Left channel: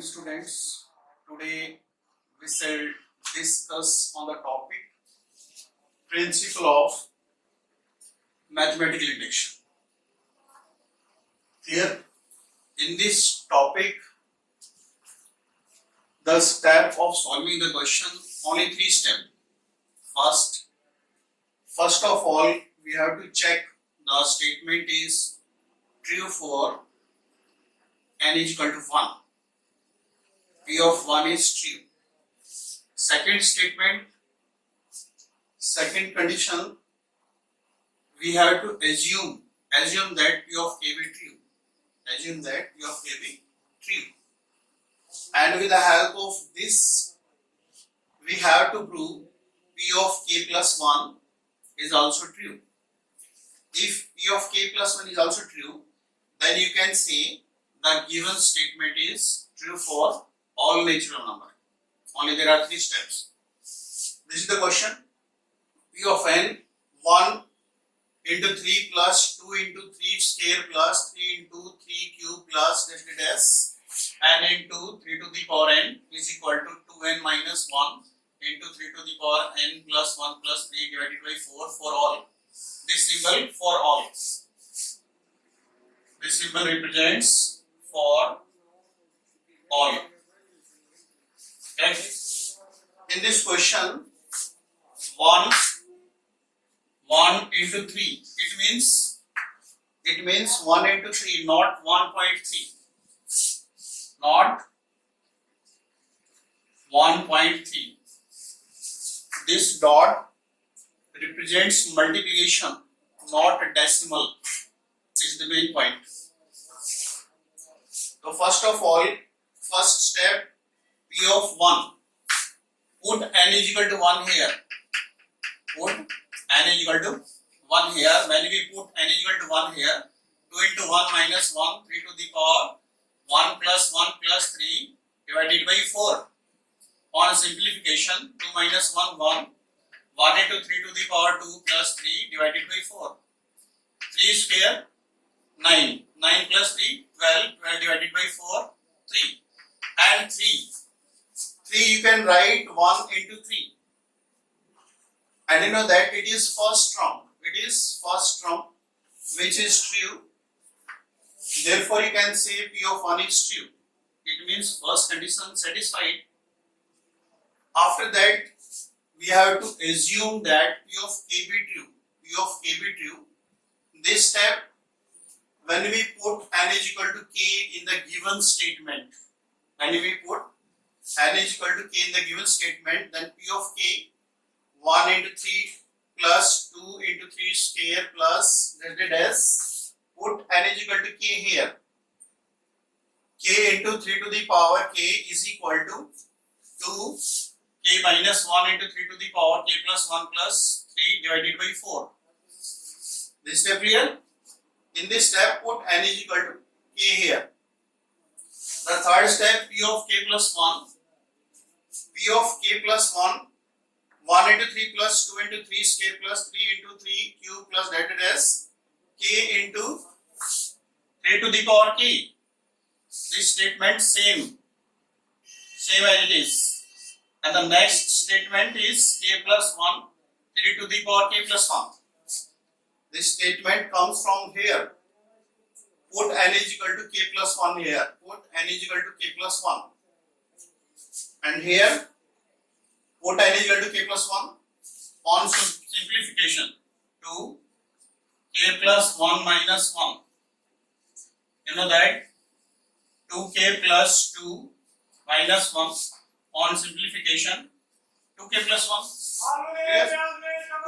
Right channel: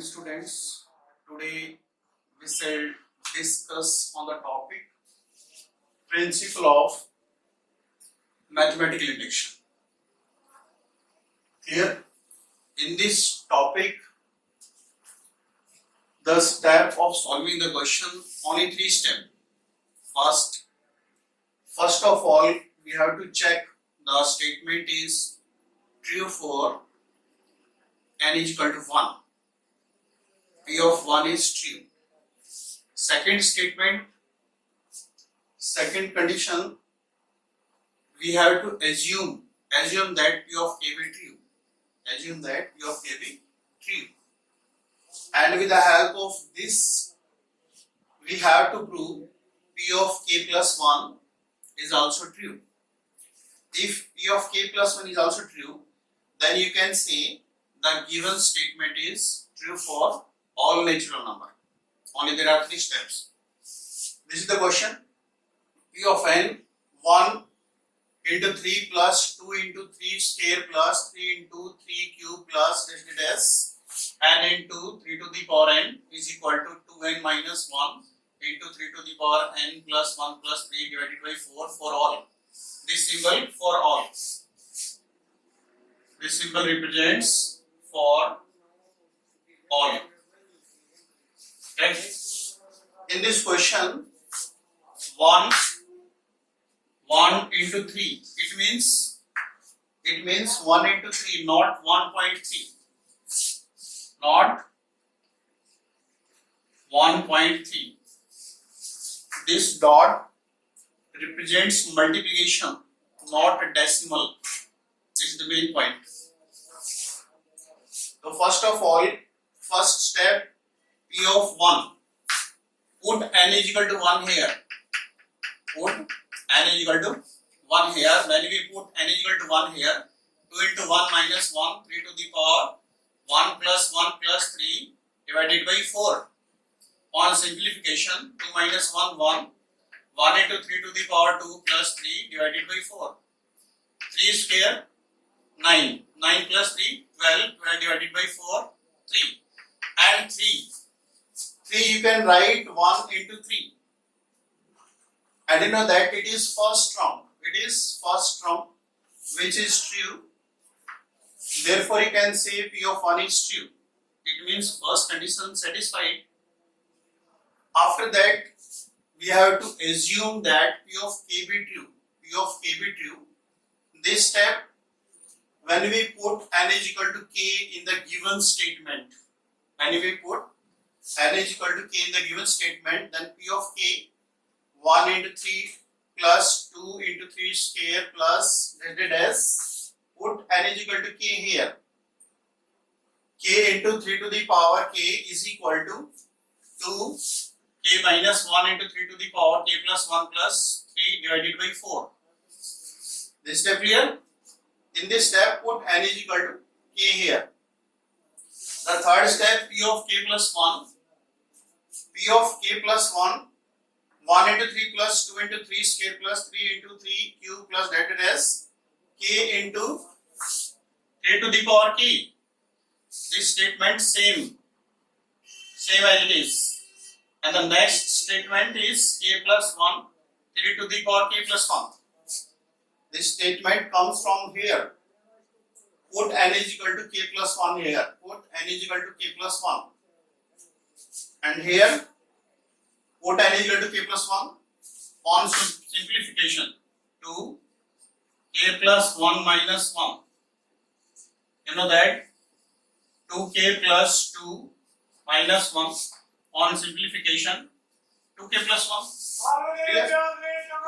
morning, students. Today we shall discuss on the topic principle of mathematical induction. Here in this topic, the step of solving the question, only 3 steps. First of all, we have to check the statement is true for n is equal to 1. P of 1 is true. Second statement, second condition, we have to assume that P of k be true. Assume that P of k be true. And with the help of this, we have to prove P of k plus 1 is also true. If P of k plus 1 is also true, then you can say the given statement is true for all natural number. Only there are 3 steps. This is the question. P of n 1 into 3 plus 2 into 3 square plus 3 into 3 cube plus dash n into 3 to the power n is equal to 2n minus 1 into 3 to the power n plus 1 plus 3 divided by 4 for all. This symbol for all. This symbol represents for all. Okay. In this question, 1 into 3. It means 1 into 3, not 1.3. Not 1.3. This dot represents multiplication, not decimal. This is the main point. So first of all, first step, P of 1. Put n is equal to 1 here. Put n is equal to 1 here. When we put n is equal to 1 here, 2 into 1 minus 1, 3 to the power 1 plus 1 plus 3 divided by 4. On simplification, 2 minus 1, 1. 1 into 3 to the power 2 plus 3 divided by 4. 3 square, 9. 9 plus 3, 12. 12 divided by 4, 3. And 3. 3 you can write 1 into 3. And you know that it is first term. It is first term which is true. Therefore you can say P of 1 is true. It means first condition satisfied. After that, we have to assume that P of k be true. P of k be true. This step, when we put n is equal to k in the given statement, when we put n is equal to k in the given statement, then P of k 1 into 3 plus 2 into 3 square plus dash, put n is equal to k here. K into 3 to the power k is equal to 2 k minus 1 into 3 to the power k plus 1 plus 3 divided by 4. This step clear? In this step, put n is equal to k here. The third step, P of k plus 1. P of k plus 1, 1 into 3 plus 2 into 3 square plus 3 into 3 cube plus dash, k into 3 to the power k. This statement same as it is. And the next statement is k plus 1, 3 to the power k plus 1. This statement comes from here. Put n is equal to k plus 1 here. Put n is equal to k plus 1. And here, put n is equal to k plus 1. On simplification, to k plus 1 minus 1. You know that 2k plus 2 minus 1. On simplification, 2k plus 1. Clear?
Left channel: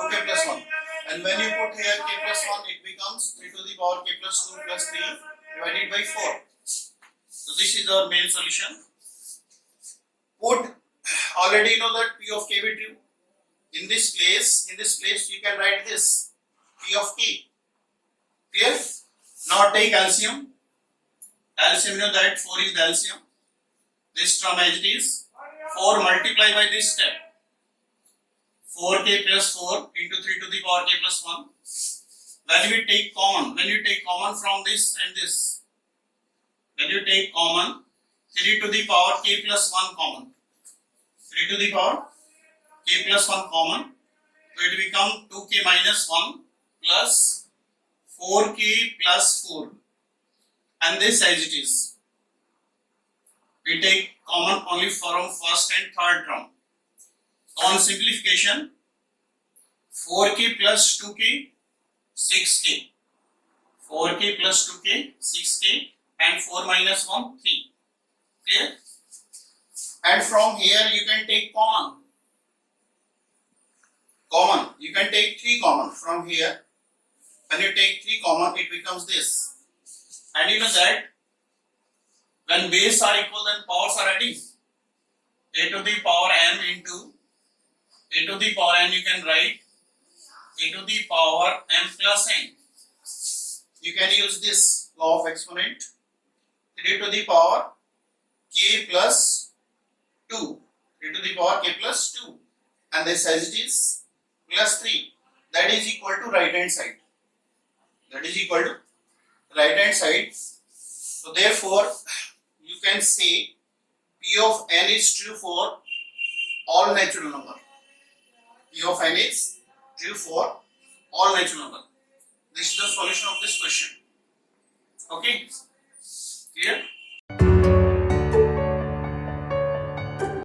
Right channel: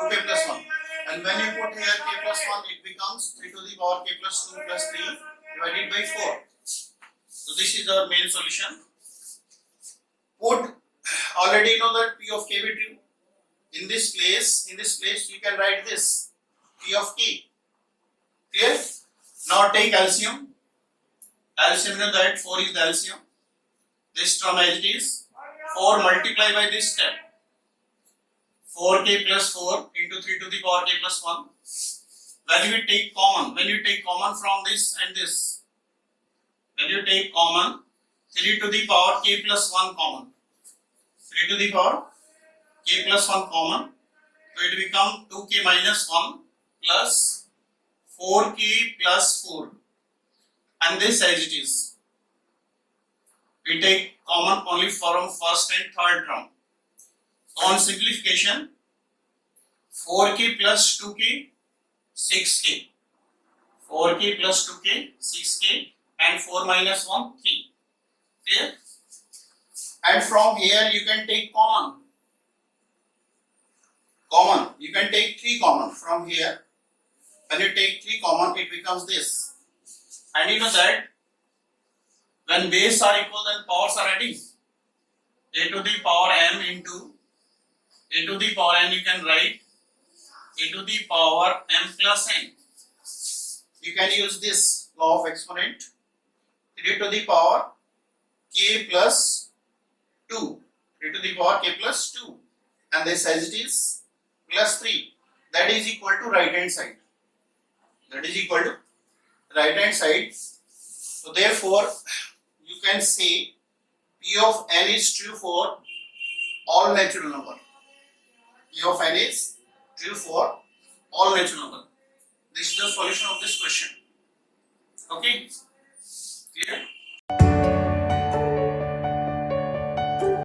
2k plus 1. And when you put here k plus 1, it becomes 3 to the power k plus 2 plus 3 divided by 4. So this is our main solution. Put, already you know that P of k be true. In this place you can write this P of k. Clear? Now take LCM. LCM, you know that 4 is the LCM. This term as it is. 4 multiply by this step. 4k plus 4 into 3 to the power k plus 1. When you take common from this and this, when you take common, 3 to the power k plus 1 common. 3 to the power k plus 1 common. So it become 2k minus 1 plus 4k plus 4. And this as it is. We take common only from first and third term. On simplification, 4k plus 2k, 6k. 4k plus 2k, 6k, and 4 minus 1, 3. Clear? And from here you can take common. You can take 3 common from here. When you take 3 common, it becomes this. And you know that when base are equal, then powers are adding. A to the power m into a to the power n, you can write a to the power m plus n. You can use this law of exponent. 3 to the power k plus 2. 3 to the power k plus 2. And this as it is plus 3. That is equal to right hand side. That is equal to right hand side. So therefore, you can say P of n is true for all natural number. P of n is true for all natural number. This is the solution of this question. Okay? Clear?